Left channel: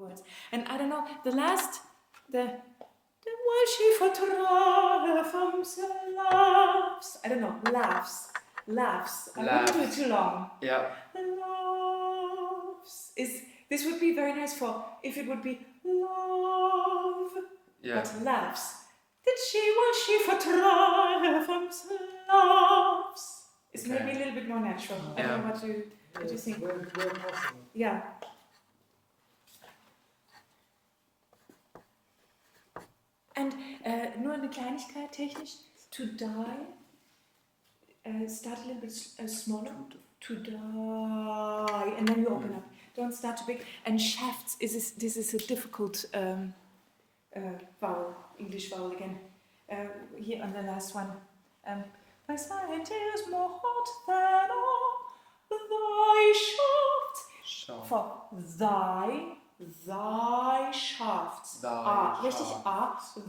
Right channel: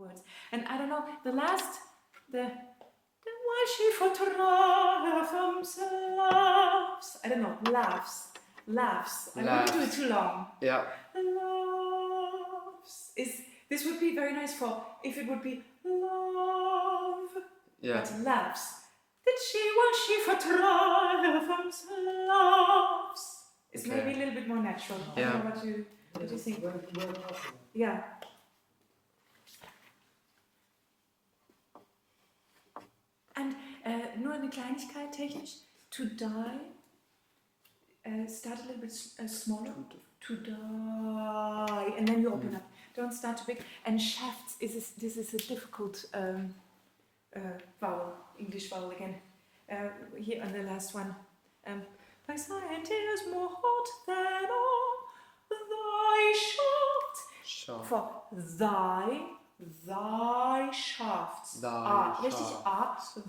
words. And I don't know, the last, the while she photograph laughs. I don't know, laughs. I don't want to do it too long. Yeah. Laughs. This would be very nice for if it would be love. Yeah. But laughs. That while she photograph laughs. It's maybe a little bit more natural. I don't know what you think. Where possible. Yeah. And nur eine Kleinigkeit technisch. To die. Start a little bit smaller. To die, and then you open up. Don't start too big. And shafts. This is a difficult vowel. English vowel again. Here on the last one. Thy sight is more hot than all thy shafts. For thy shafts. Richtig A.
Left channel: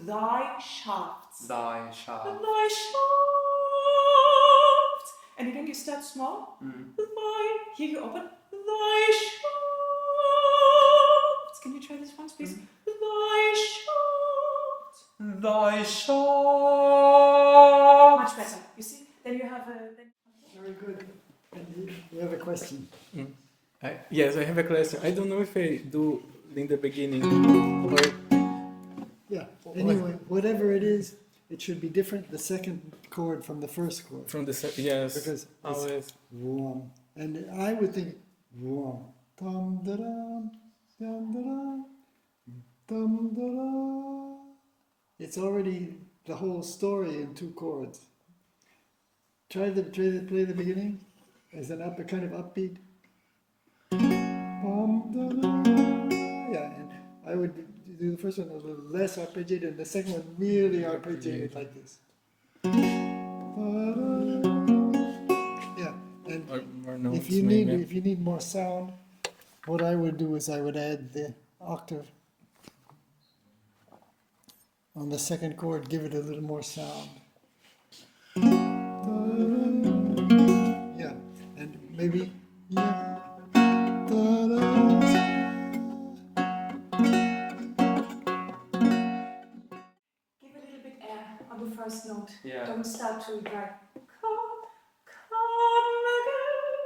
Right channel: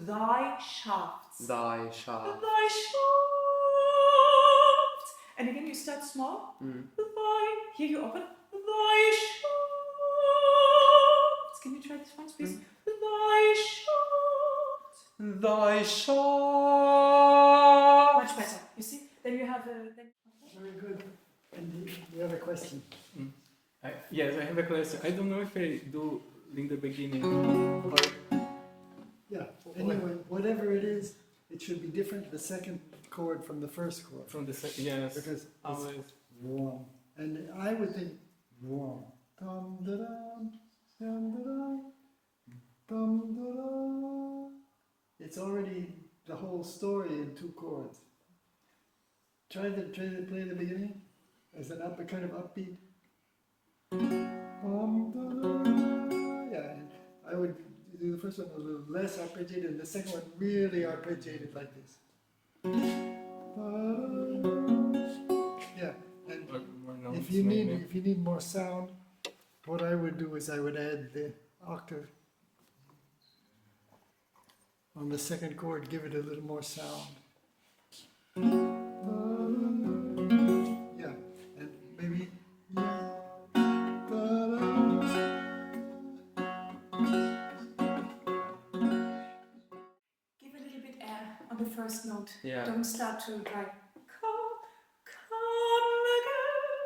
Thy shafts. Thy shafts. Thy shafts. And again you start small. Thy. Here you open. Thy shafts. Can you try this once, please? Thy shafts. Thy shafts. Much better. You see? Then you have a. Very good. And you have a question. Yes, I have a question. I don't know if I do in the beginning or... Yeah. Anyway, whatever it is, it should be different. The second chord from the first chord. From the yes, because always. It's warm. And I would think warm. Dum da dum, dum da dum, dum da dum. It's already the whole story in two chords. Play the beginning as an kind of upbeat. Yeah, and I would do the first one a little less arpeggiated, and the second one really arpeggiated like this. Yeah, and more notes, if you need more sound, what I would do is I would add the octave on the second chord, give it a little more sound. Yeah, and maybe. First note. Yeah. Don't start too dry. Come again.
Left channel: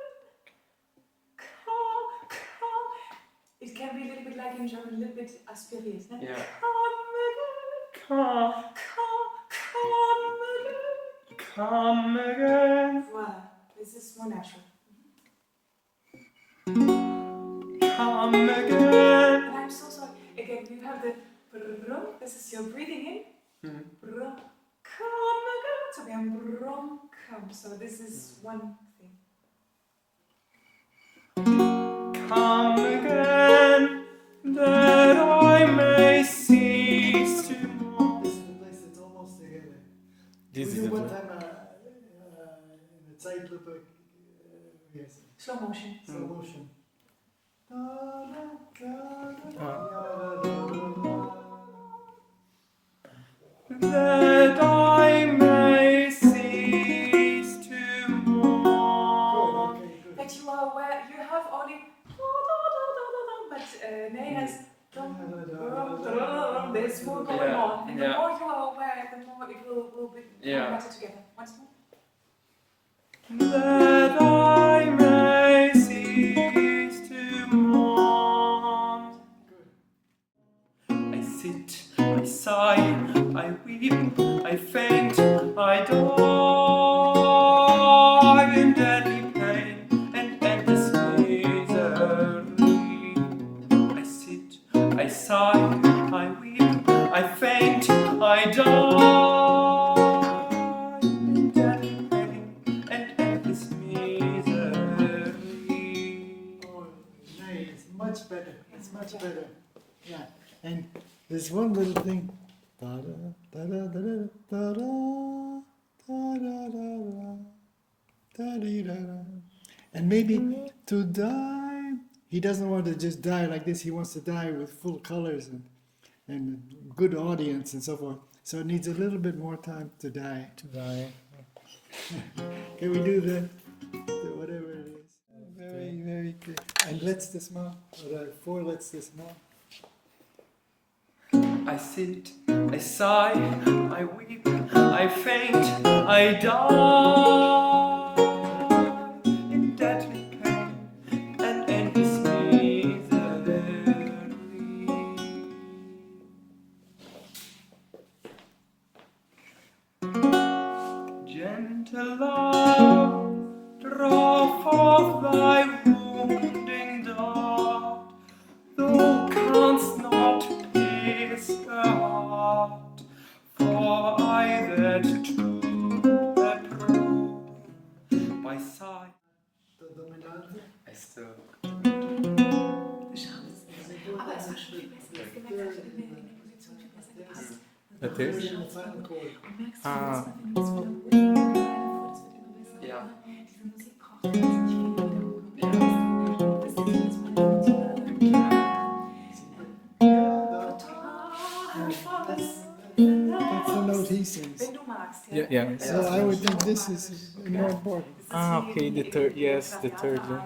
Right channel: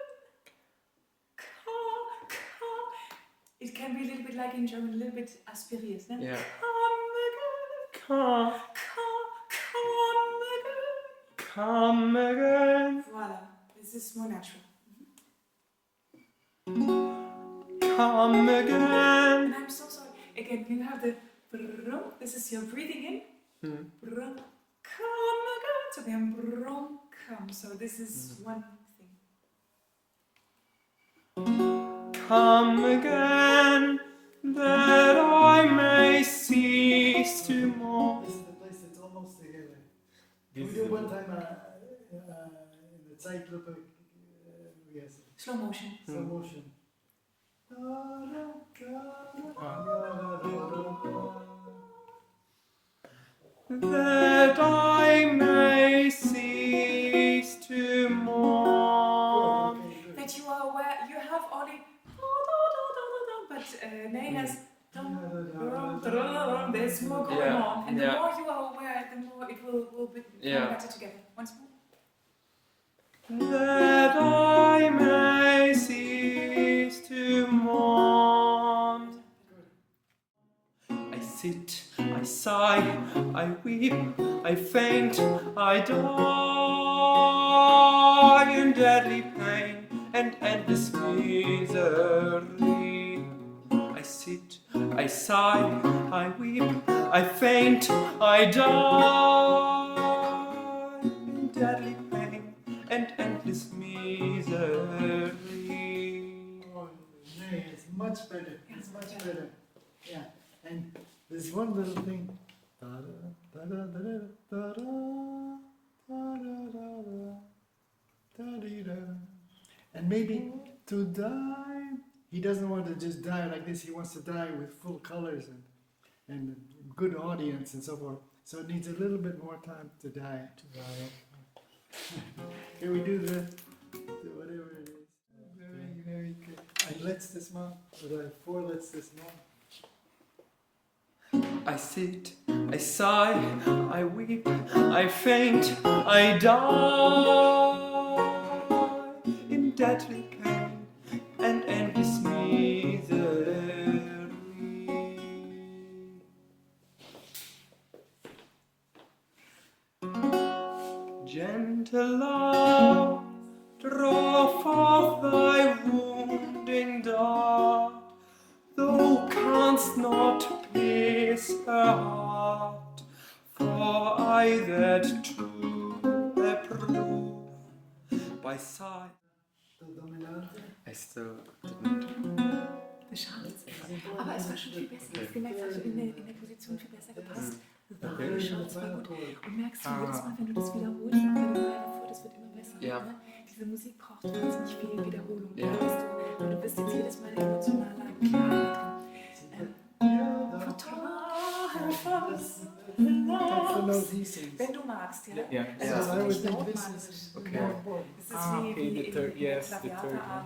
It can be a little bit like in German, a little bit aspiriert. No? Yeah. Come again. Voilà. This is more natural. Come again. And I'm so sorry. Again, you have the brum. This is your breathing in. Brum. Come again. So we have brum, come. So this is one thing. Come again, that I may cease to mourn. This is the place that's almost together. This We is do the one time in the Zeitlupe, yes, Slow motion. slow motion. That I may cease to mourn. Good, okay, good. That you are aware, you have only but Nay has there's more going on, and the more you are aware, the more it will be better together. Once more. That I may cease to mourn. I sit, I sigh, I weep, I faint, I die in deadly pain and endless misery. I sit, I sigh, I weep, I faint, I die in deadly pain and endless misery. Oh, nay, it's much better. It's much better. Yeah, and there's one little thing. Da da da da da da da da da da da. And maybe to die, he doesn't want to just die like this. He wants to die with full colors and good audience and so forth. So it needs a little bit more time to die. Can we do the whatever it is? Very, very good. And let's this month, or 4 let's this month. I sit, I sigh, I weep, I faint, I die in deadly pain and endless misery. Gentle love, draw forth thy wounding dart, thou canst not pierce her heart, for I that too approve by sight. Der Dominante. I still. Schade. Aber es war schon viel besser. Ich gemerkt, hat in der Position viel besser gepasst. Okay. The final chord. Und merkst du, jedes Mal, wenn du das wiederholst, das wird immer besser. Ja. Diese Musik braucht wahnsinnig viel Wiederholung. Ja. Du bist jetzt jedes Mal emotional klar. That's the note he sings. Wenn du magst, ja. Yeah, yeah. So I would think this is more important. Ah, okay, the third, yes, the third. Yeah.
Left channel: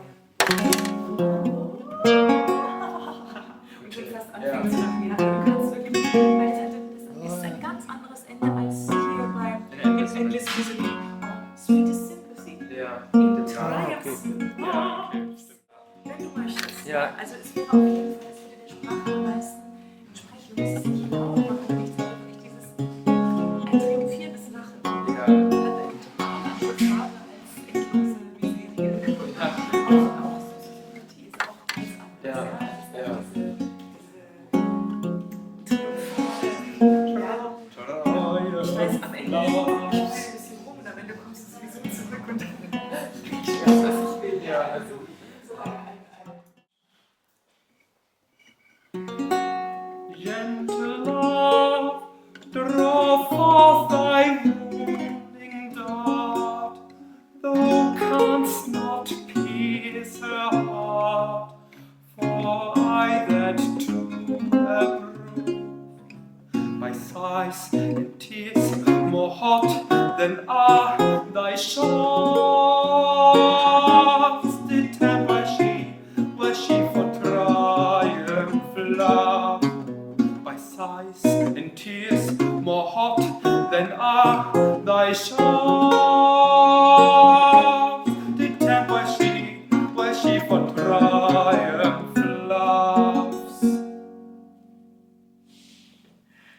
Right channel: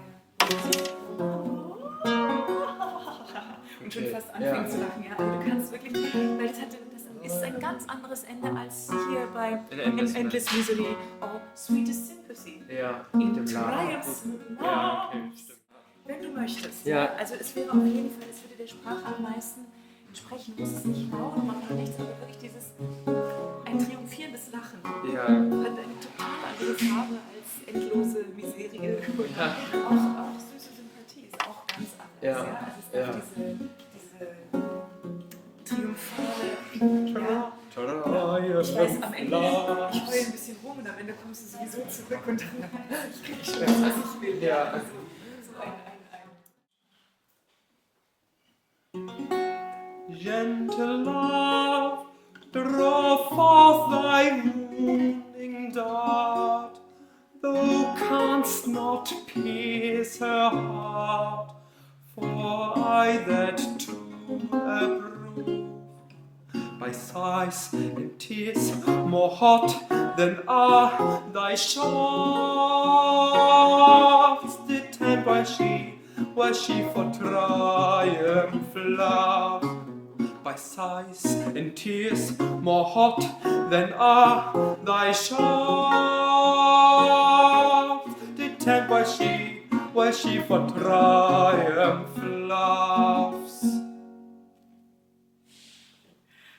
Und schon fast anfangen zu lachen. Ja, du kannst wirklich, weil das ist ein ganz anderes Ende als hier bei Endless Misery. Sweetest Sympathy. Ja. In the Ah, Triumphs. Ja, okay. Wenn du möchtest. Ja. Also es wäre auf jeden Fall, es würde der Sprache am meisten sprechen. Du musst es nicht laut machen oder nichts, sondern wirklich dieses ein triumphierendes Lachen. Ja. Hat eine total andere Farbe als endlose Miserie. Auch süße Sympathie ist auch ganz anders. Ja. Es ist Ja. diese triumphale, ich weiß, am Ende ich will ein bisschen rum und am Ende kommst du sowieso zurück und dann ich weiß, was ich will. Ja. Also, so ein Gentle love, draw forth thy wounding dart, thou canst not pierce her heart, for I that too approve. My sighs and tears more hot than are thy shafts, did temper she, was she for triumph love. By sighs and tears more hot than are thy shafts, did temper she, was she for triumph loves.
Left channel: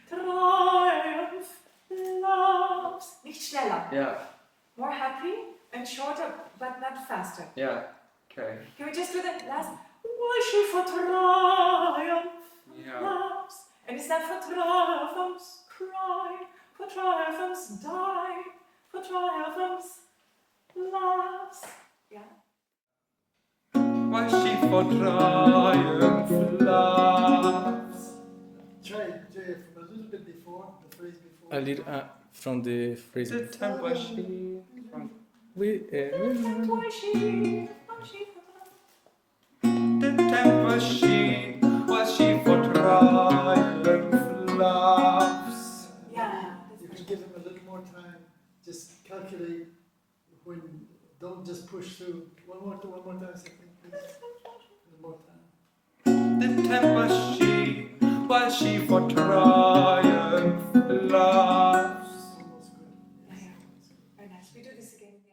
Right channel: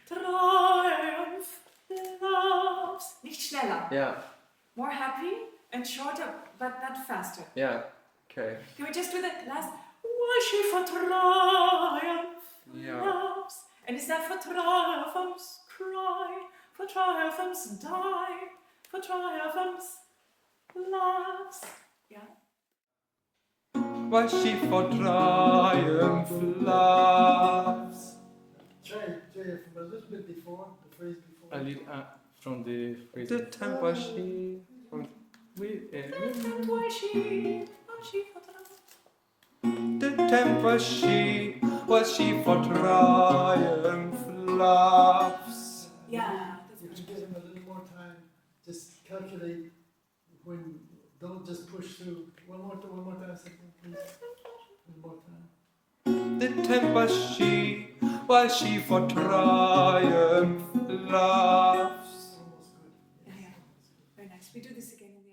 Triumph loves. Nicht schneller. Yeah, More happy and shorter, but not faster. yeah, okay. Can we just do the last? Why she for triumph Yeah. loves? And is that for triumphs cry, for triumphs die, for triumphs loves? Yeah. Was she for triumph loves. Try from a little bit before, the phrase before. A little from the phrase. Did temper she from And why she for triumph? did temper she, was she for triumph loves. Yeah. You can give him a little more time. Just calculate when. Don't just push through. One more time, second, please. One more time. Did temper she, was she for triumph loves. Almost good. Yeah, yeah. Very nice. We do this again in the